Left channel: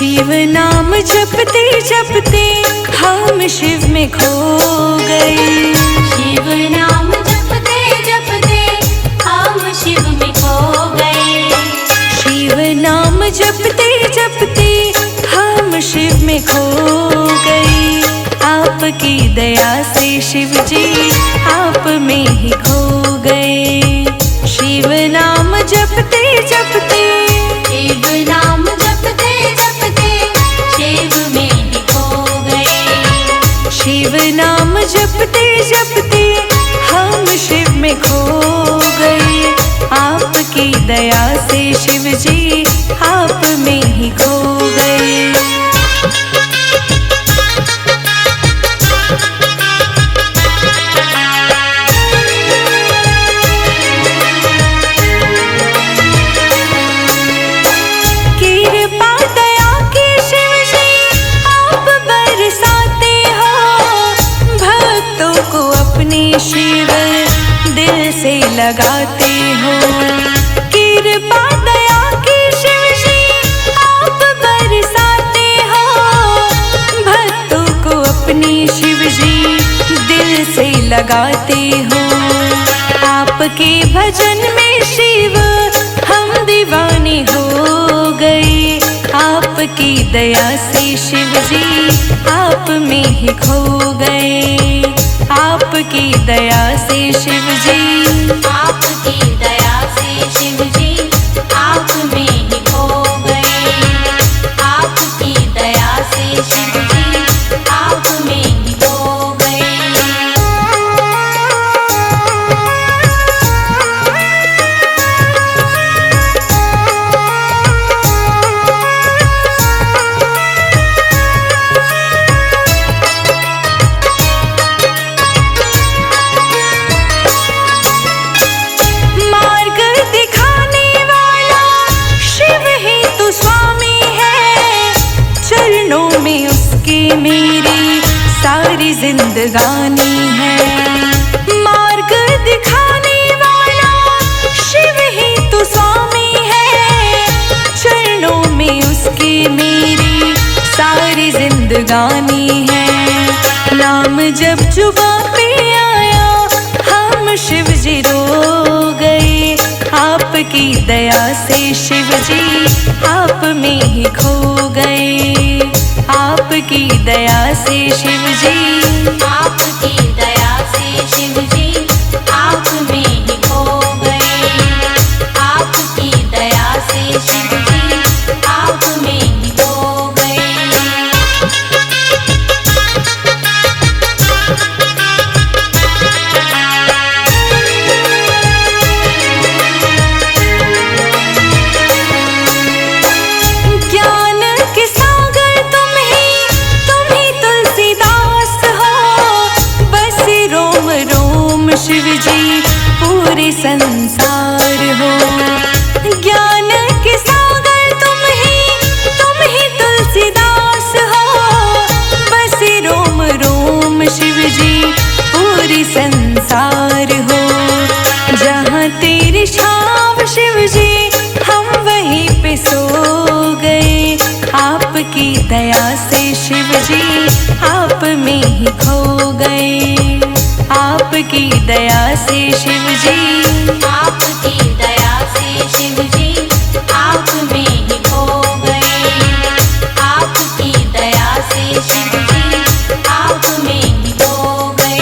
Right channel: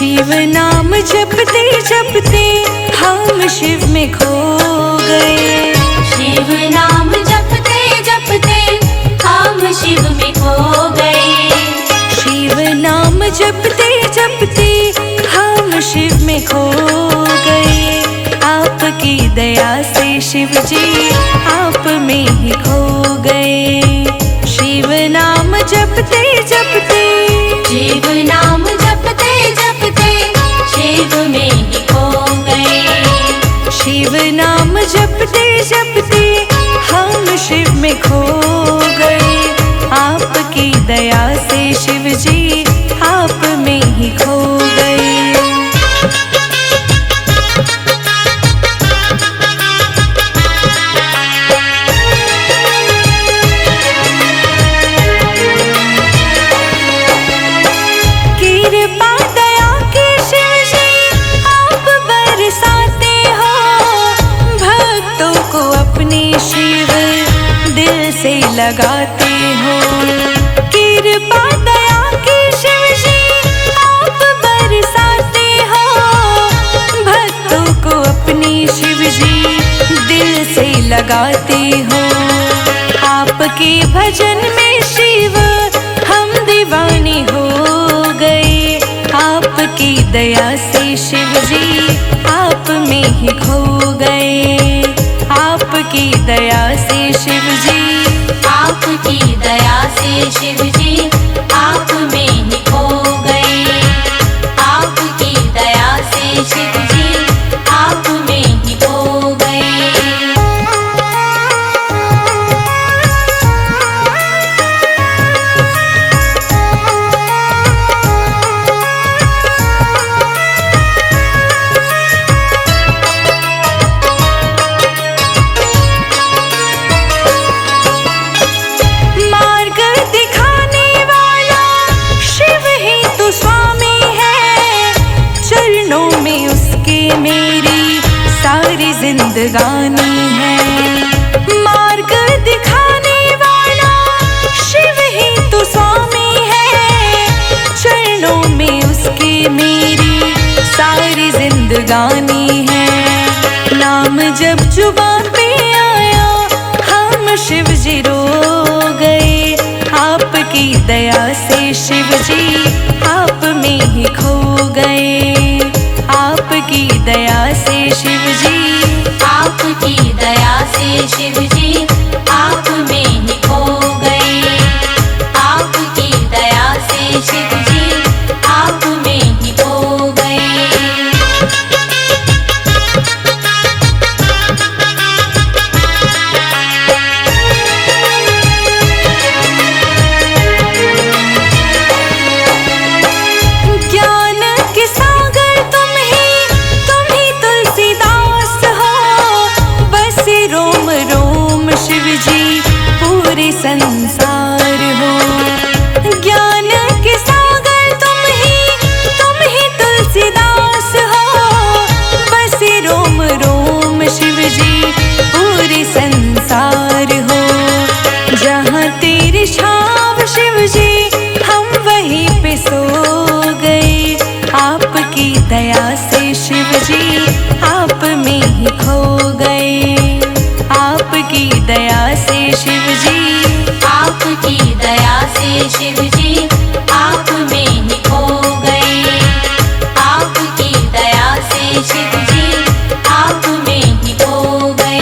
शिव नाम जपते जपते हम शिव में खो गए। शिव नाम जपते जपते हम शिव में खो गए। शिव नाम जपते जपते हम शिव में खो गए। आपकी दया से शिव जी आप में ही खो गए। शिव नाम जपते जपते, शिव नाम जपते जपते शिव में ही खो गए। शिव नाम जपते जपते हम शिव में खो गए। आपकी दया से शिव जी आप में ही खो गए। कृपा दया के शिव जी आप बरसाते हो। भक्तों को अपने शिव दिल से लगाते हो। कृपा दया के शिव जी आप बरसाते हो। भक्तों को अपने शिव जी दिल से लगाते हो। आपके भजन में शिव हम दीवाने हो गए। आपकी दया से शिव जी आप में ही खो गए। आपकी दया से शिव जी, आपकी दया से शिव जी आप में ही खो गए। आपकी दया से शिव जी आप में ही खो गए। मार्ग दिखाने वाला शिव ही तो स्वामी है। चरणों में उसके मेरी सारी जिंदगानी है। मार्ग दिखाने वाला शिव ही तो स्वामी है। चरणों में उसके मेरी सारी जिंदगानी है। नाम जब जुबां पे आया हम शिव जी रो गए। आपकी दया से शिव जी आप में ही खो गए। आपकी दया से शिव जी, आपकी दया से शिव जी आप में ही खो गए। आपकी दया से शिव जी आप में ही खो गए। ज्ञान के सागर तुम ही तुलसीदास हो। बस रोम रोम शिव जी पूरे संसार हो। ज्ञान के सागर तुम ही तुलसीदास हो। बस रोम रोम शिव जी पूरे संसार हो। जहाँ तेरी छाव शिव जी हम वहीं पे सो गए। आपकी दया से शिव जी आप में ही खो गए। आपकी दया से शिव जी, आपकी दया से शिव जी आप में ही खो गए। आपकी दया से शिव जी आप में ही खो गए।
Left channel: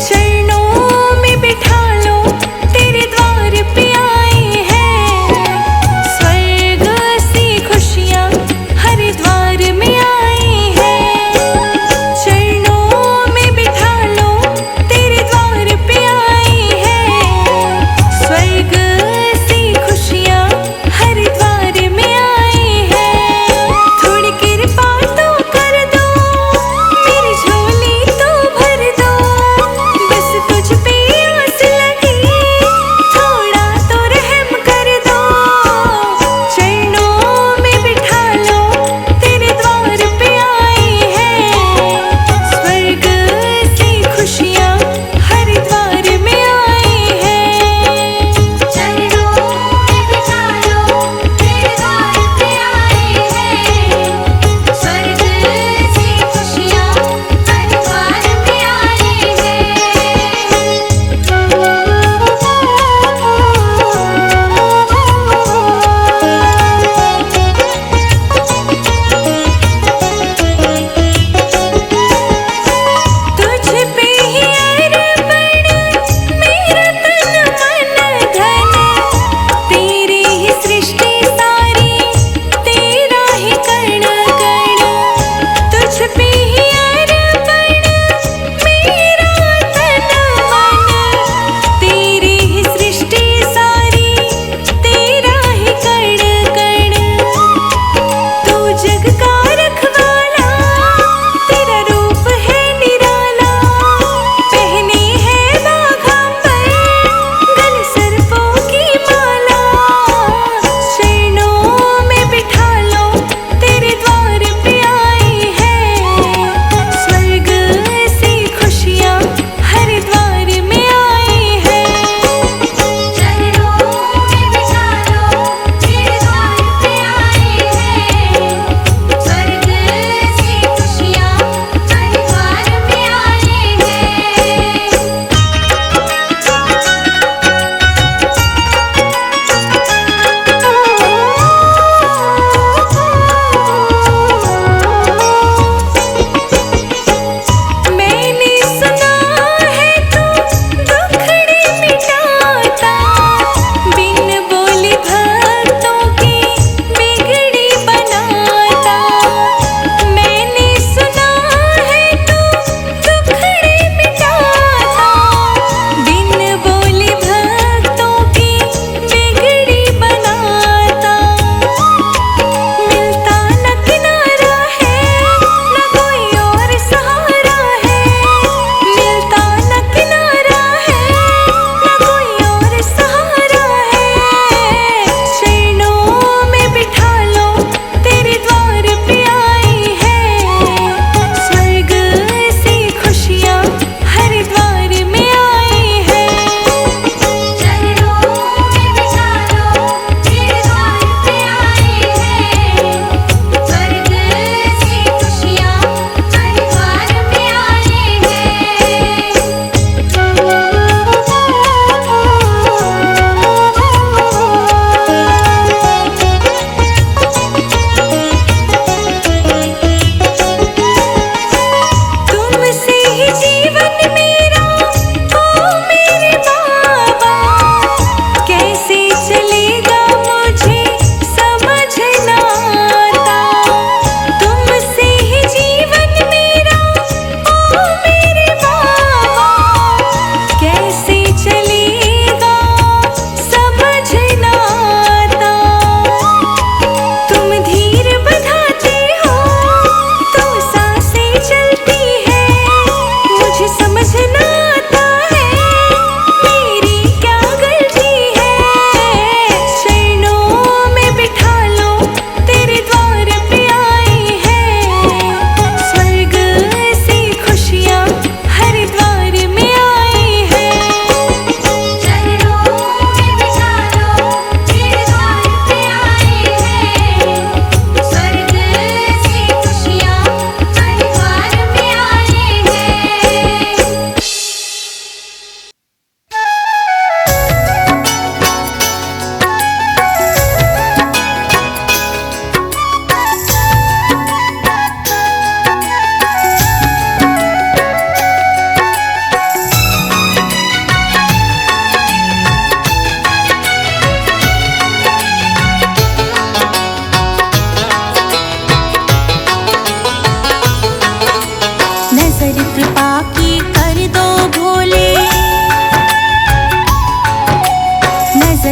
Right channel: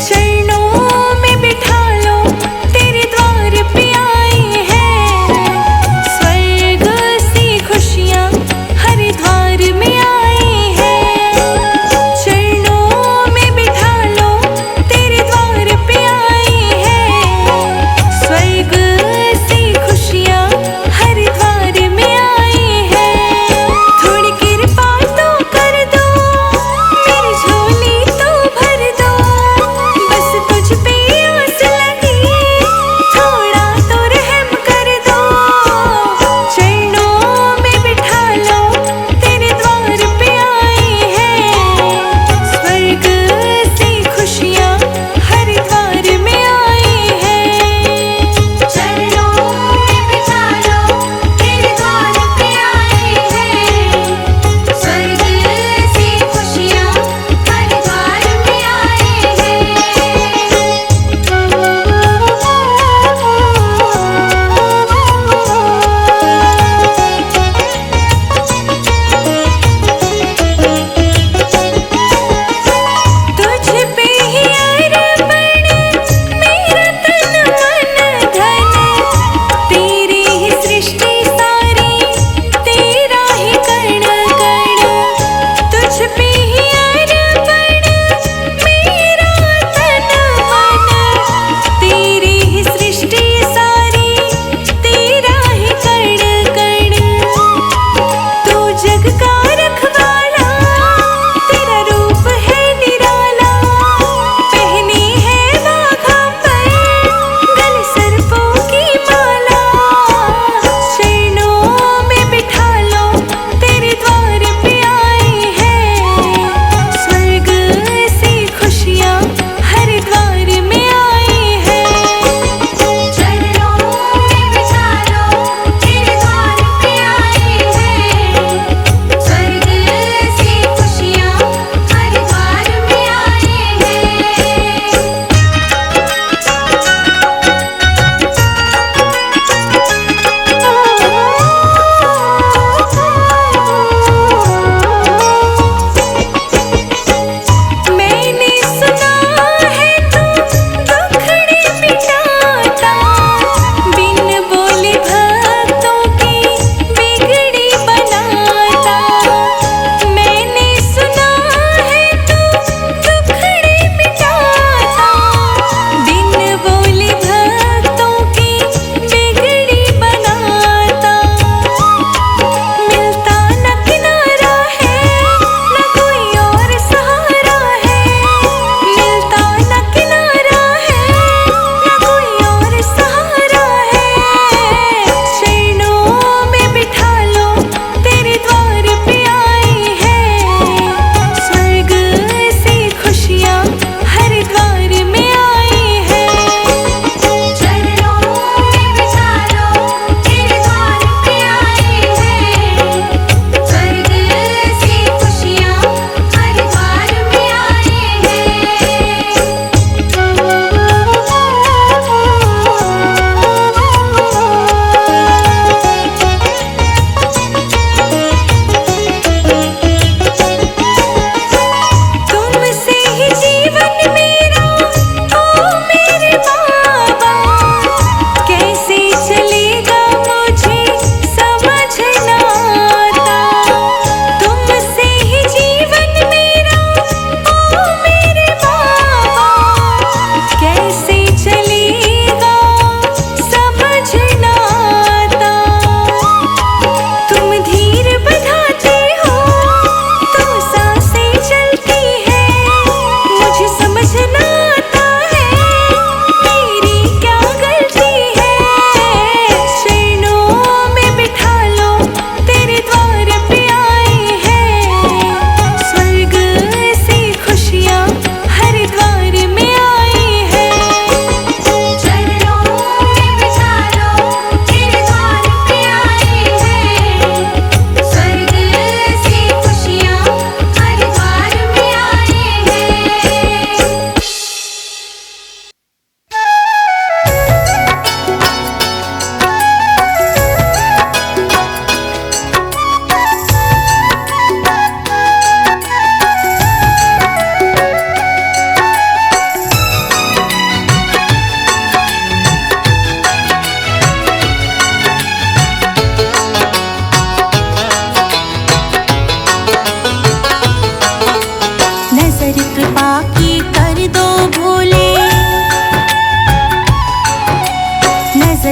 चरणों में बिठा लो तेरे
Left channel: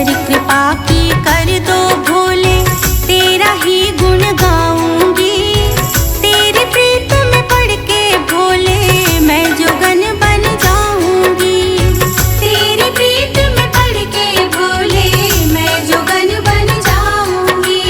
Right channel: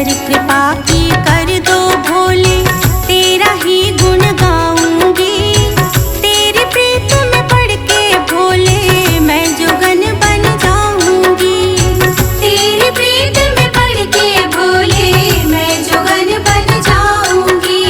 पर कृपा की कर दो भोले, तेरा ही गुण गाऊंगी। तेरी प्रीत में पढ़ के भोले मैं जोगन बन जाऊंगी। तेरी प्रीत में पढ़ के भोले मैं जोगन बन जाऊंगी।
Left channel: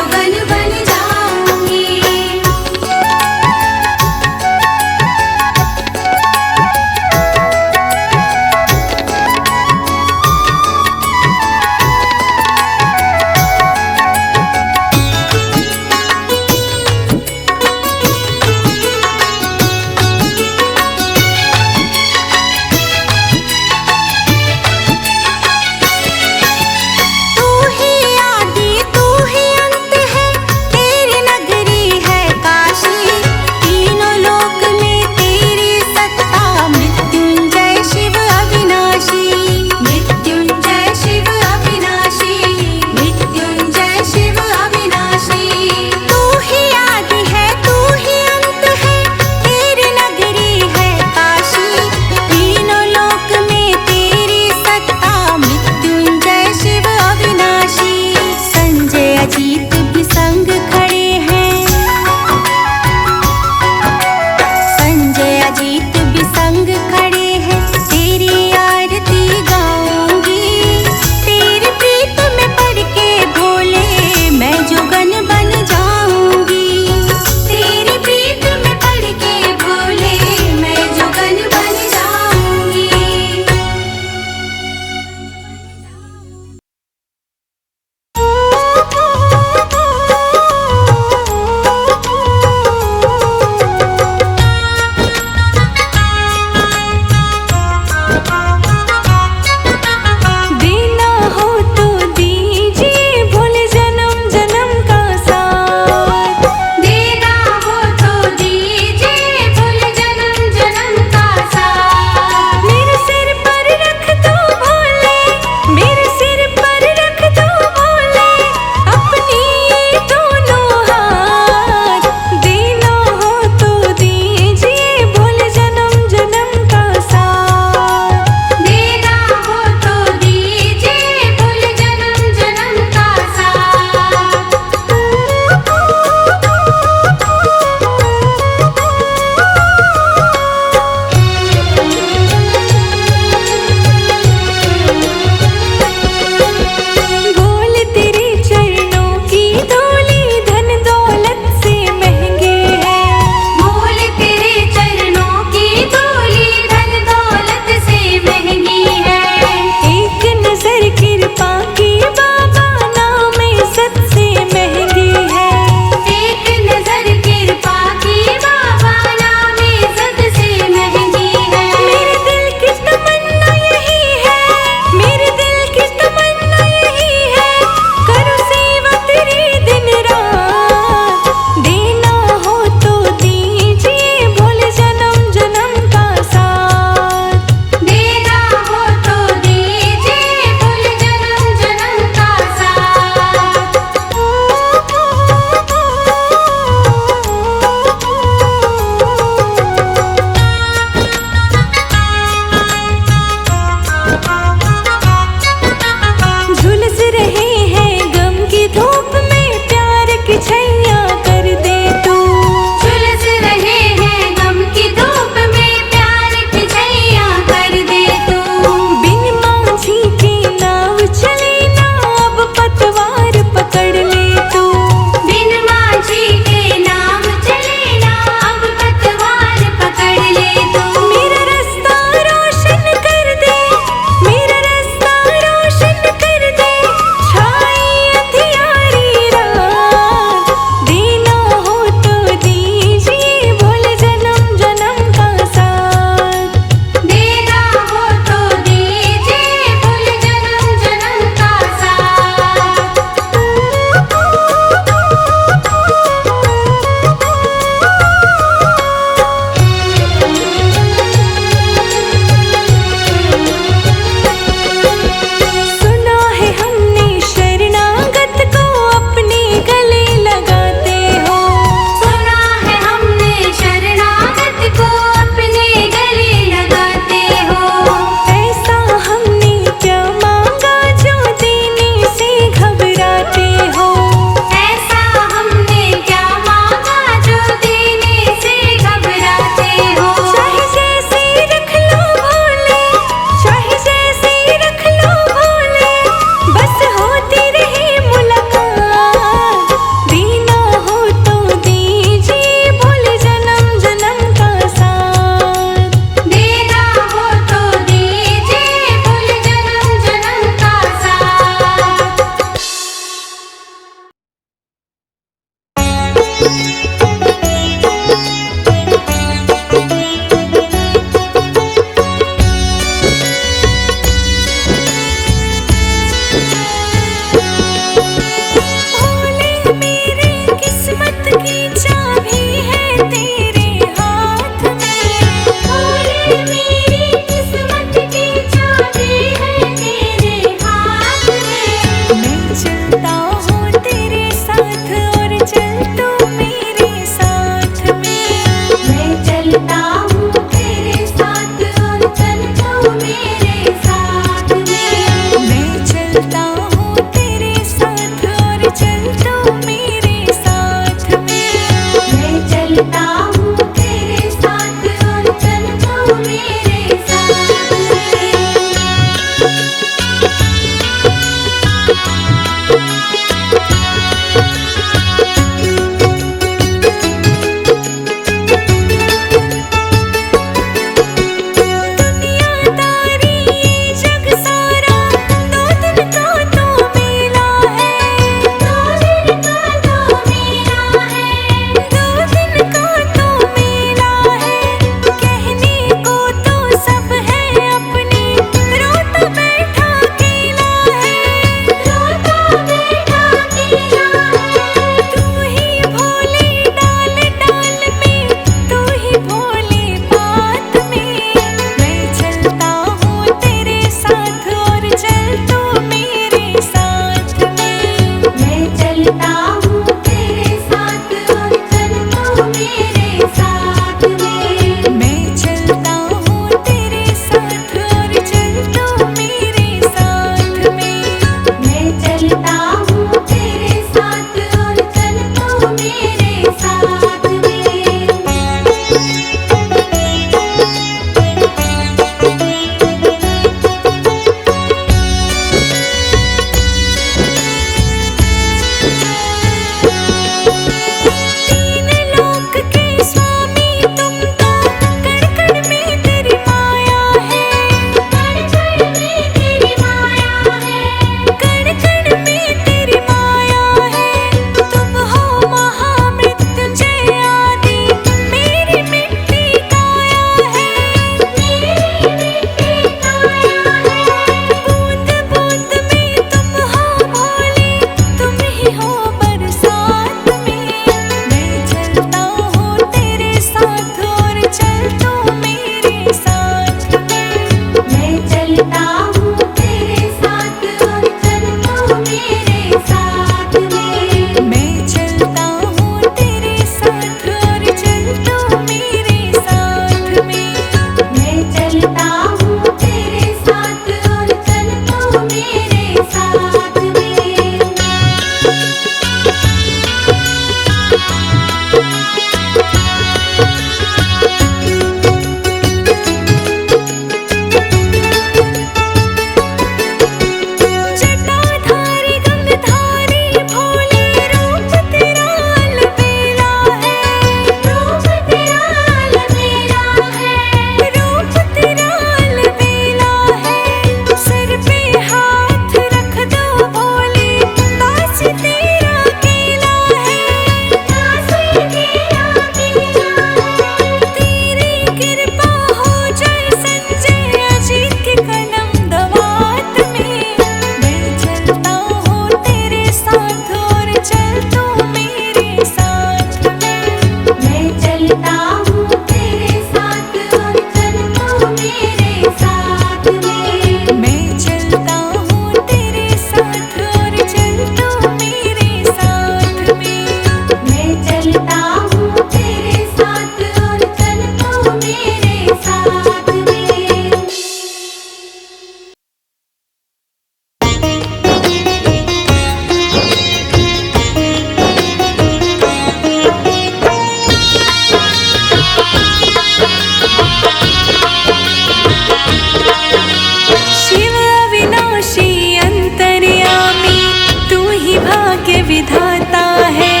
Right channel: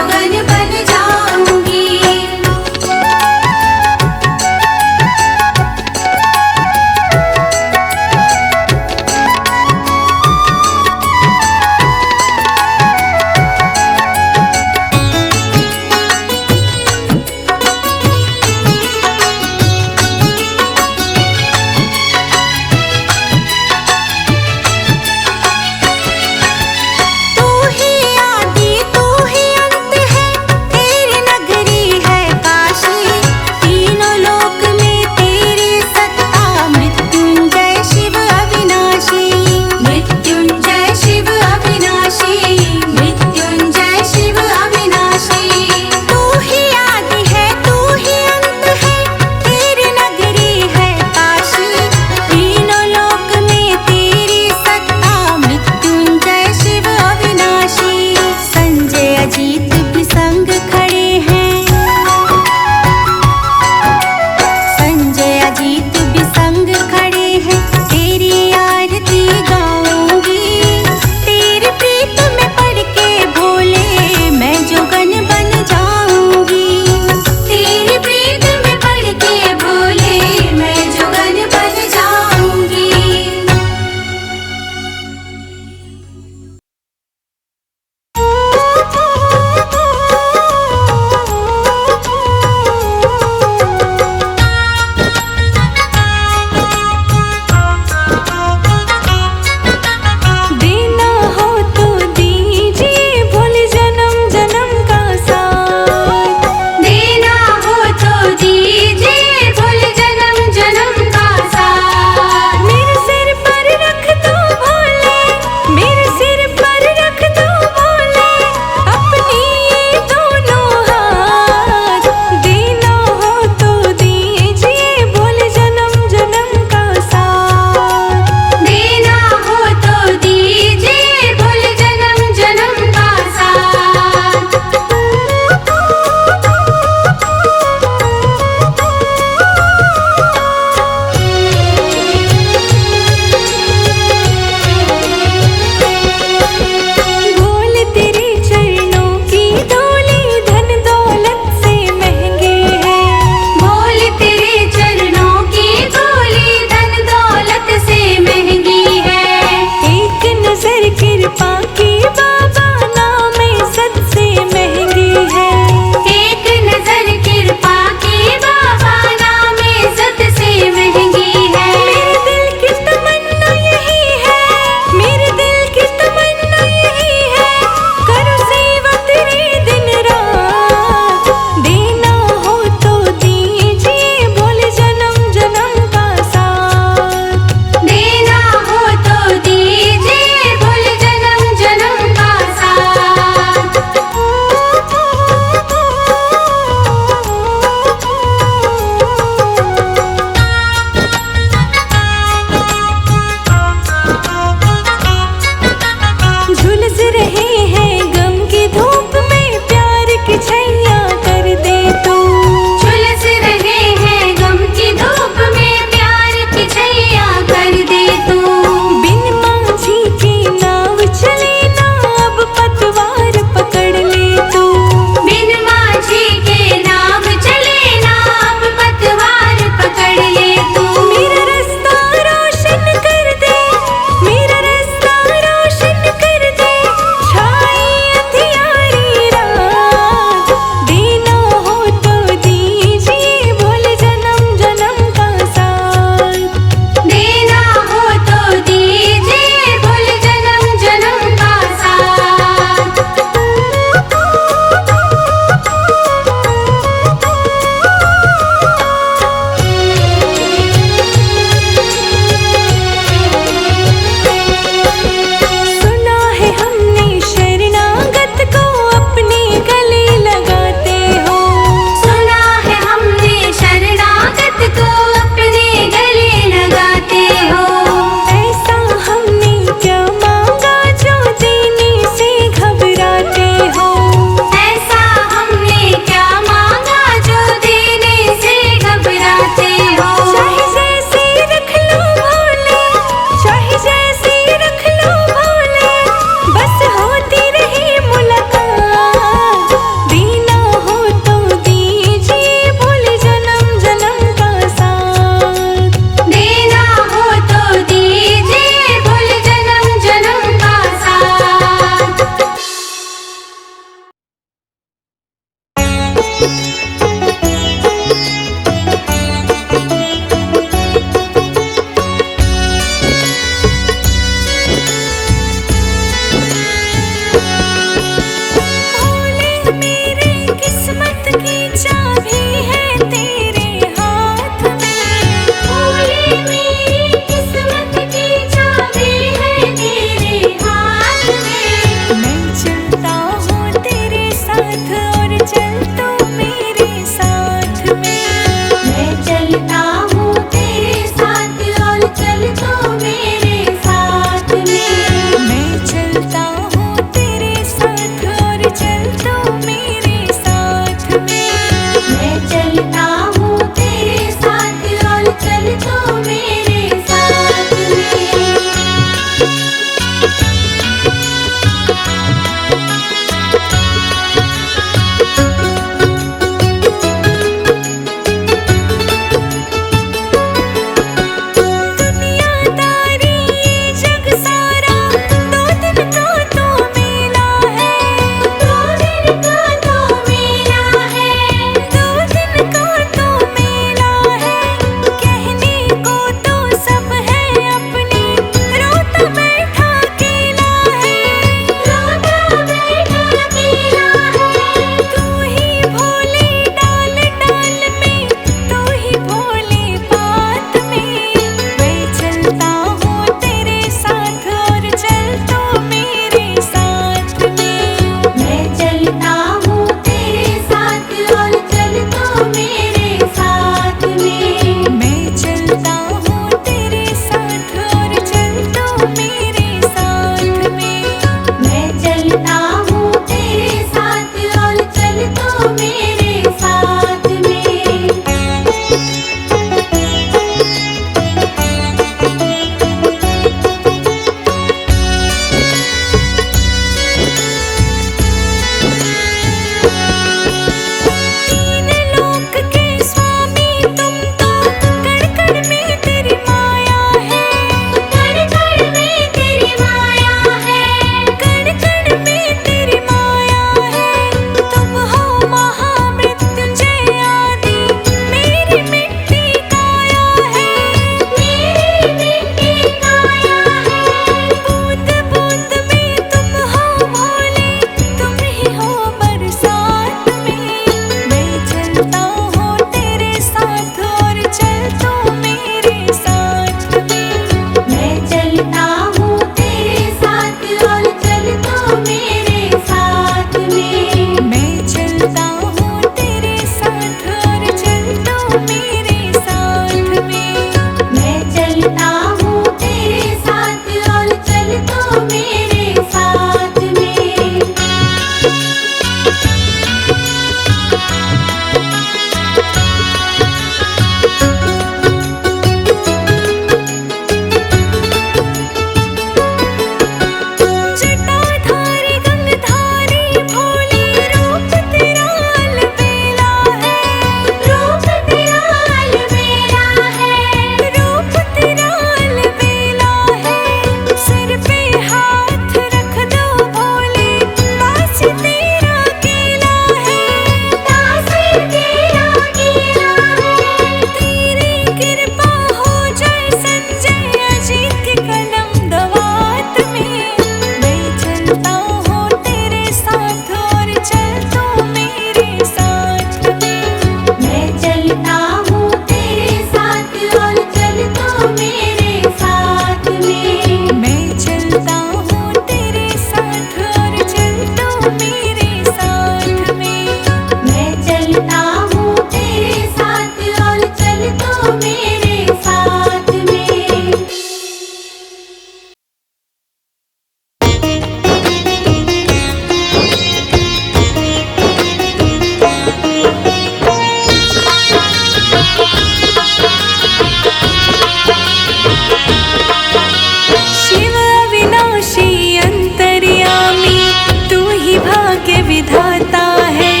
विधाता है।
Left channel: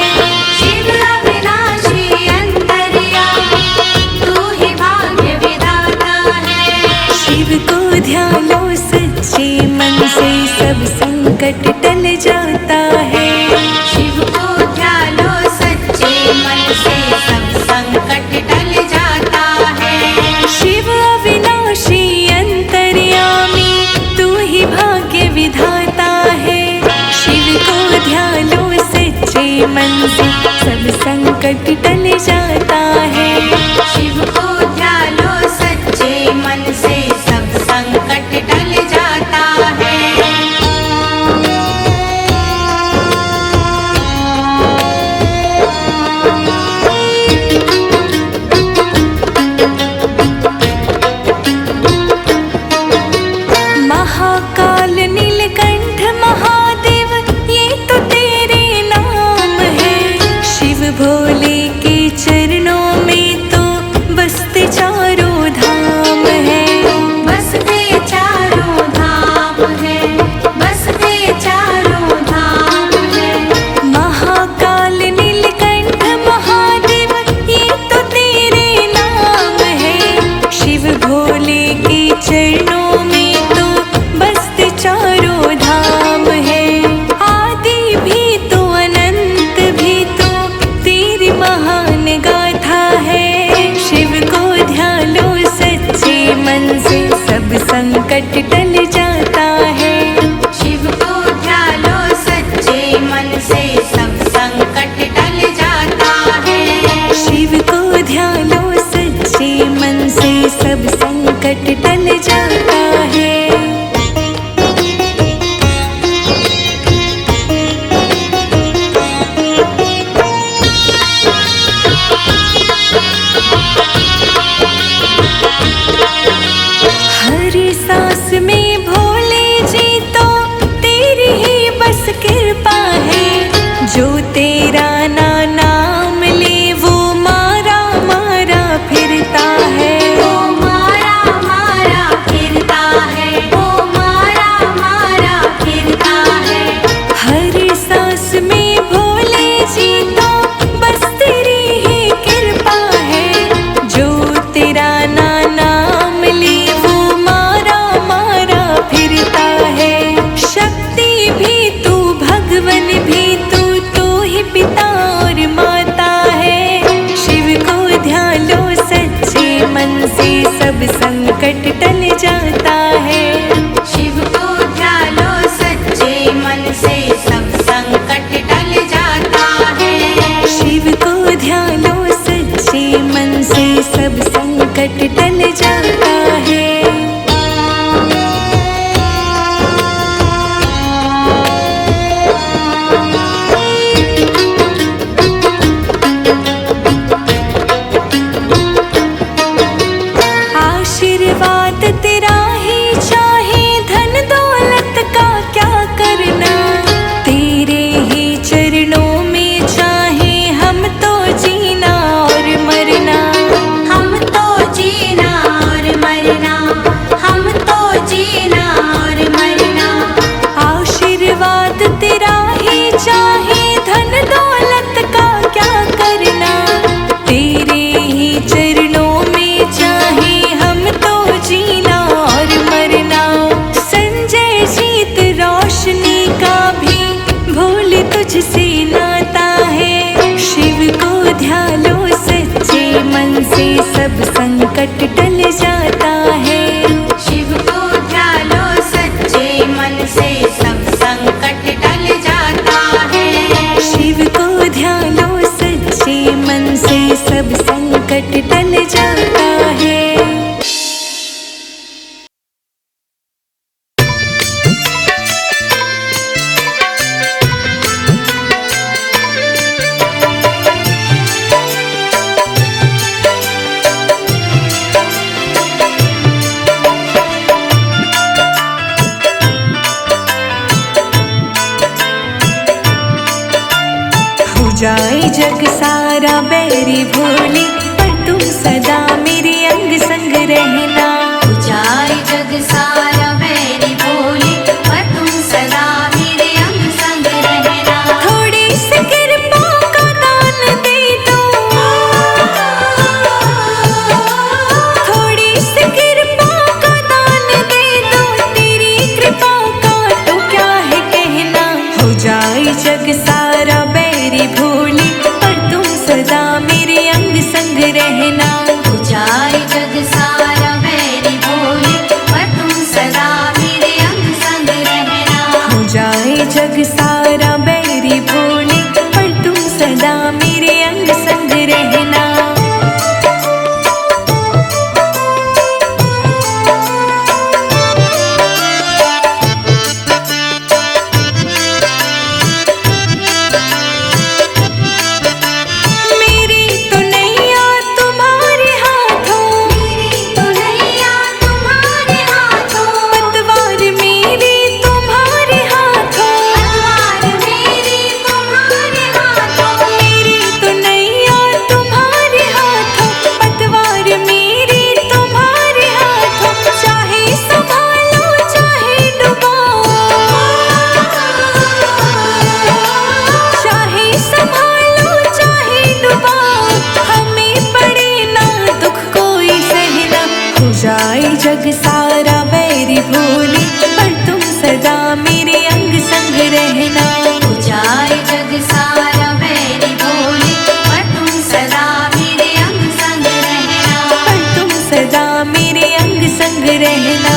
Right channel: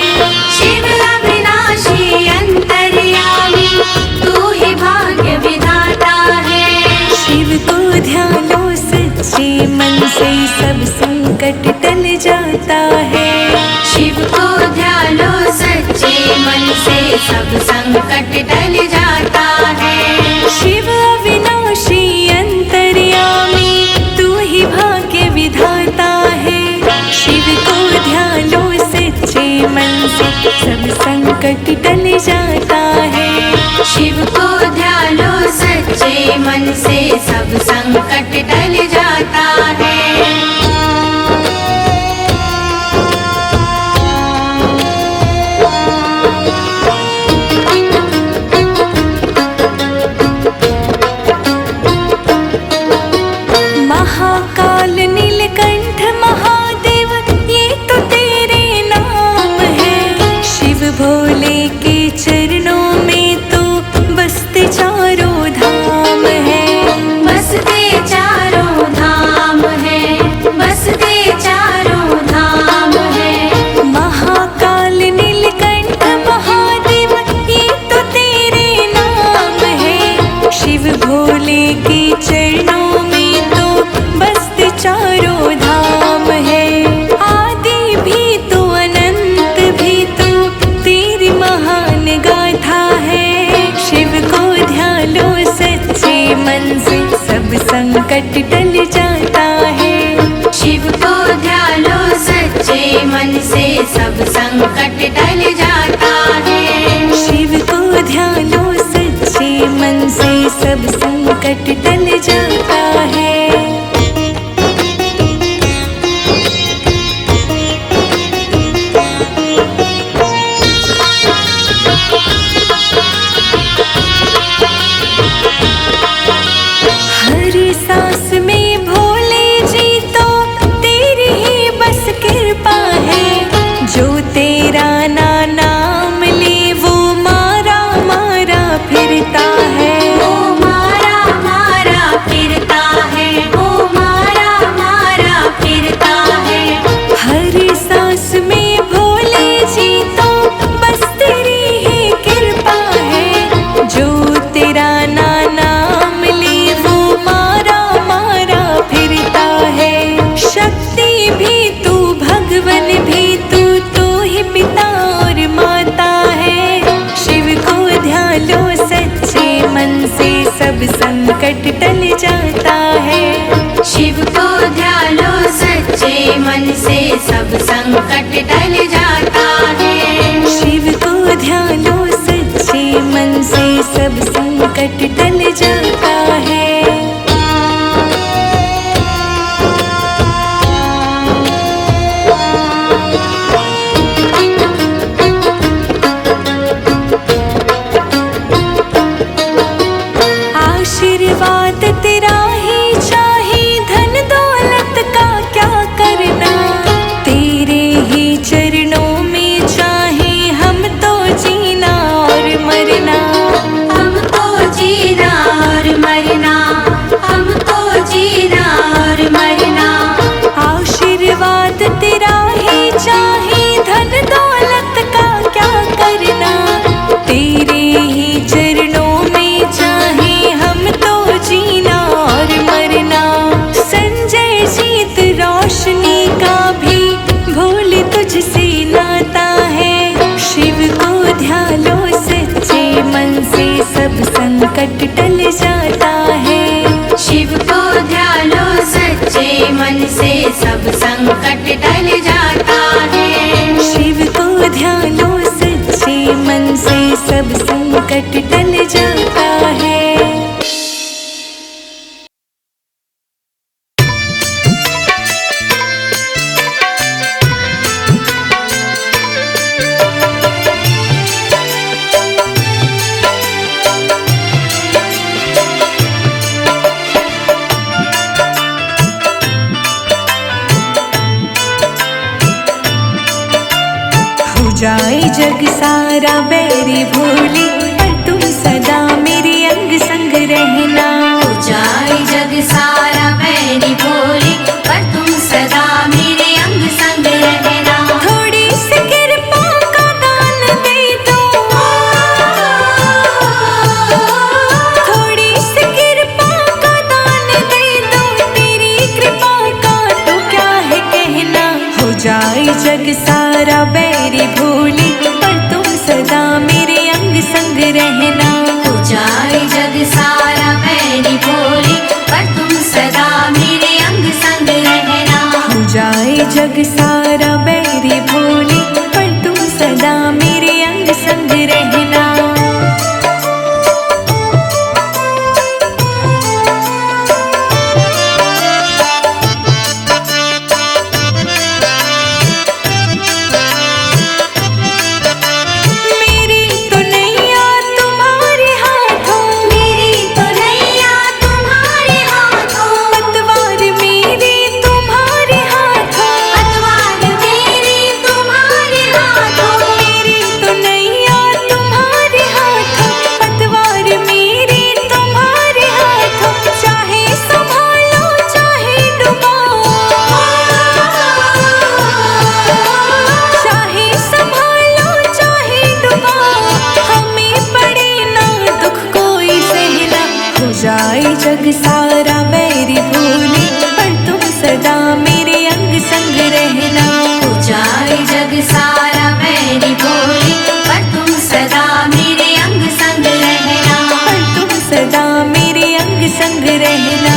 शिव अविनाशी अंतर्यामी, तू ही भाग्य विधाता है। शिव को ध्यान लो सच्चे मन से, सब संकट टल जाता है। शिव को ध्यान लो सच्चे संकट टल जाता है। शिव को ध्यालो सच्चे मन से सब संकट टल जाता है। महाकाल नीलकंठ महादेव ये तो तेरे नाम है। शिव भोले के चरणों में तो बसते चारों धाम है। बसते चारों धाम है, बसते चारों धाम है। महाकाल नीलकंठ महादेव ये तो तेरे नाम है। शिव भोले के चरणों में तो बसते चारों धाम है। आदि भी तो अनंत भी तो तेरी महान गाथा है। शिव को ध्यालो सच्चे मन से सब संकट टल जाता है। शिव को ध्यालो सच्चे मन से सब संकट टल जाता है। शिव को ध्यालो सच्चे मन से सब संकट टल जाता है। सांस में भोले जी तो तेरी ही बस कृपा है। जो तेरा नाम ले वो मारा मारा फिरता है। वो मारा मारा फिरता है, वो मारा मारा फिरता है। हर सांस में भोले जी तो बस तेरी ही कृपा है। जो तेरा नाम ले वो फिरता है। शक्ति भी तू भगवन भी तू ही पिता और माता है। शिव को ध्यालो सच्चे मन से सब संकट टल जाता है। शिव को ध्यालो सच्चे मन से सब संकट टल जाता है। शिव को ध्यालो सच्चे मन से सब संकट टल जाता है। आशीर्वाद तेरा ही चाहे धन दौलत का क्या करना। तेरे ही चरणों में चाहे हम तो जीना और मरना। हम तो जीना और मरना, हम तो जीना और मरना। आशीर्वाद तेरा ही चाहे धन दौलत का क्या करना। तेरे ही चरणों में चाहे हम तो जीना और मरना। संजय जीत रोशनी का भी भोले तुझसे नाता है। शिव को ध्यालो सच्चे मन से सब संकट टल जाता है। शिव को ध्यालो सच्चे मन से सब संकट टल जाता है। शिव को ध्यालो सच्चे मन से सब संकट टल जाता है। जाए जग सारा बैरी भोले पर तुम सदा मेरे अंग संग रहना। जाए जग सारा बैरी भोले पर तुम सदा मेरे अंग संग रहना। थोड़ी सी कृपा का दान दे दो। थोड़ी सी कृपा का दान दे दो। तेरी कृपा का तो क्या है कहना। हो जाए जग सारा बैरी भोले पर तुम सदा मेरे अंग संग रहना। हो जाए जग सारा बैरी भोले पर तुम सदा मेरे अंग संग रहना। हो जाए जग सारा बैरी भोले पर तुम सदा सदा मेरे अंग संग रहना। जाए जग सारा बैरी भूले, पर तुम सदा मेरे अंग संग रहना। हो जाए जग सारा बैरी भूले, पर तुम सदा मेरे अंग संग रहना। पर तुम सदा मेरे अंग संग रहना।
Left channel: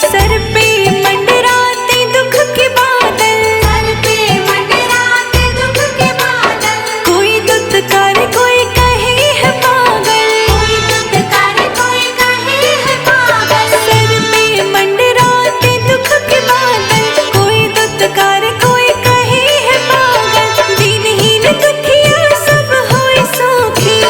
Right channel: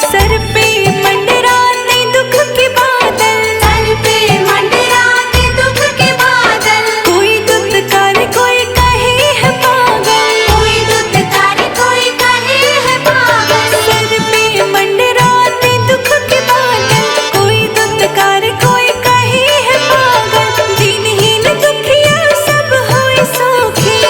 सर पे मंडराते दुख के बादल, सर पे मंडराते दुख के बादल। कोई दुत्कार कोई कहे है पागल, कोई दुत्कार कोई कहे है पागल। सर पे मंडराते दुख के बादल, कोई दुत्कार कोई कहे है पागल। दीनहीन दुखिया सब होए सुखी,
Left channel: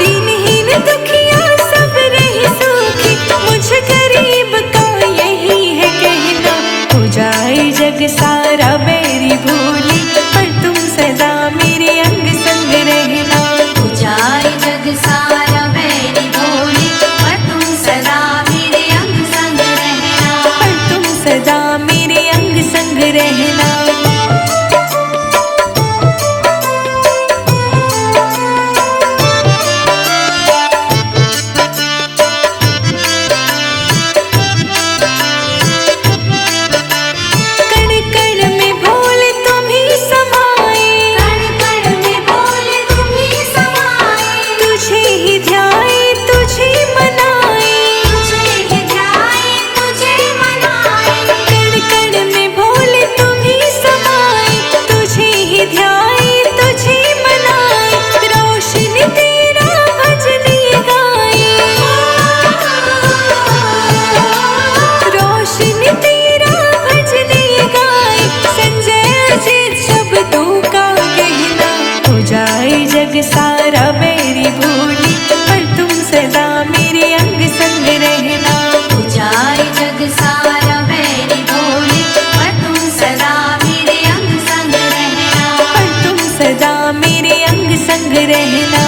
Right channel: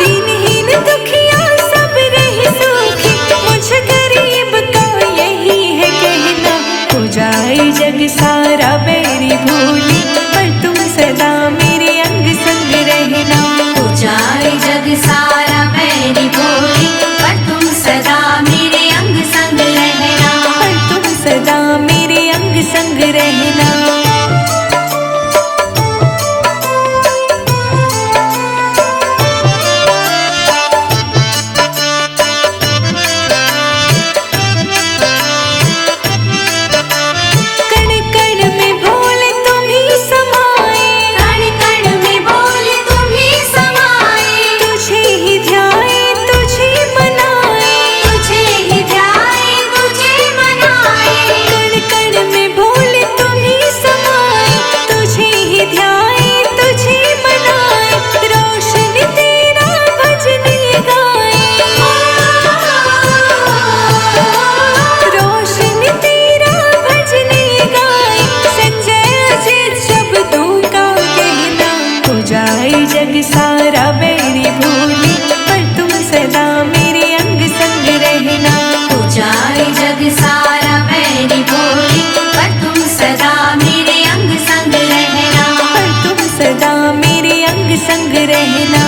दीनहीन दुखिया सब रहे सुखी। मुझ गरीब का यही है कहना, हो जाए जग सारा बैरी भूली, पर तुम सदा मेरे अंग संग रहना। हो जाए जग सारा बैरी भूली, पर तुम सदा मेरे अंग संग रहना। पर तुम सदा मेरे अंग संग रहना। कण कण में भोले तुम ही समाए, कण कण में भोले तुम ही समाए। तुझे ही ध्याए तुझे मनाए, तुझे ही ध्याए तुझे मनाए। कण कण में भोले तुम ही समाए, तुझे ही ध्याए तुझे मनाए। रोशनी तेरा भजन ये गाए, रोशनी तेरा भजन ये गाए। संजय अजित शब्दों का कहना, हो जाए जग सारा बैरी भूली, पर तुम सदा मेरे अंग संग रहना। हो जाए जग सारा बैरी भोली, पर तुम सदा मेरे अंग संग रहना। पर तुम सदा मेरे अंग संग रहना।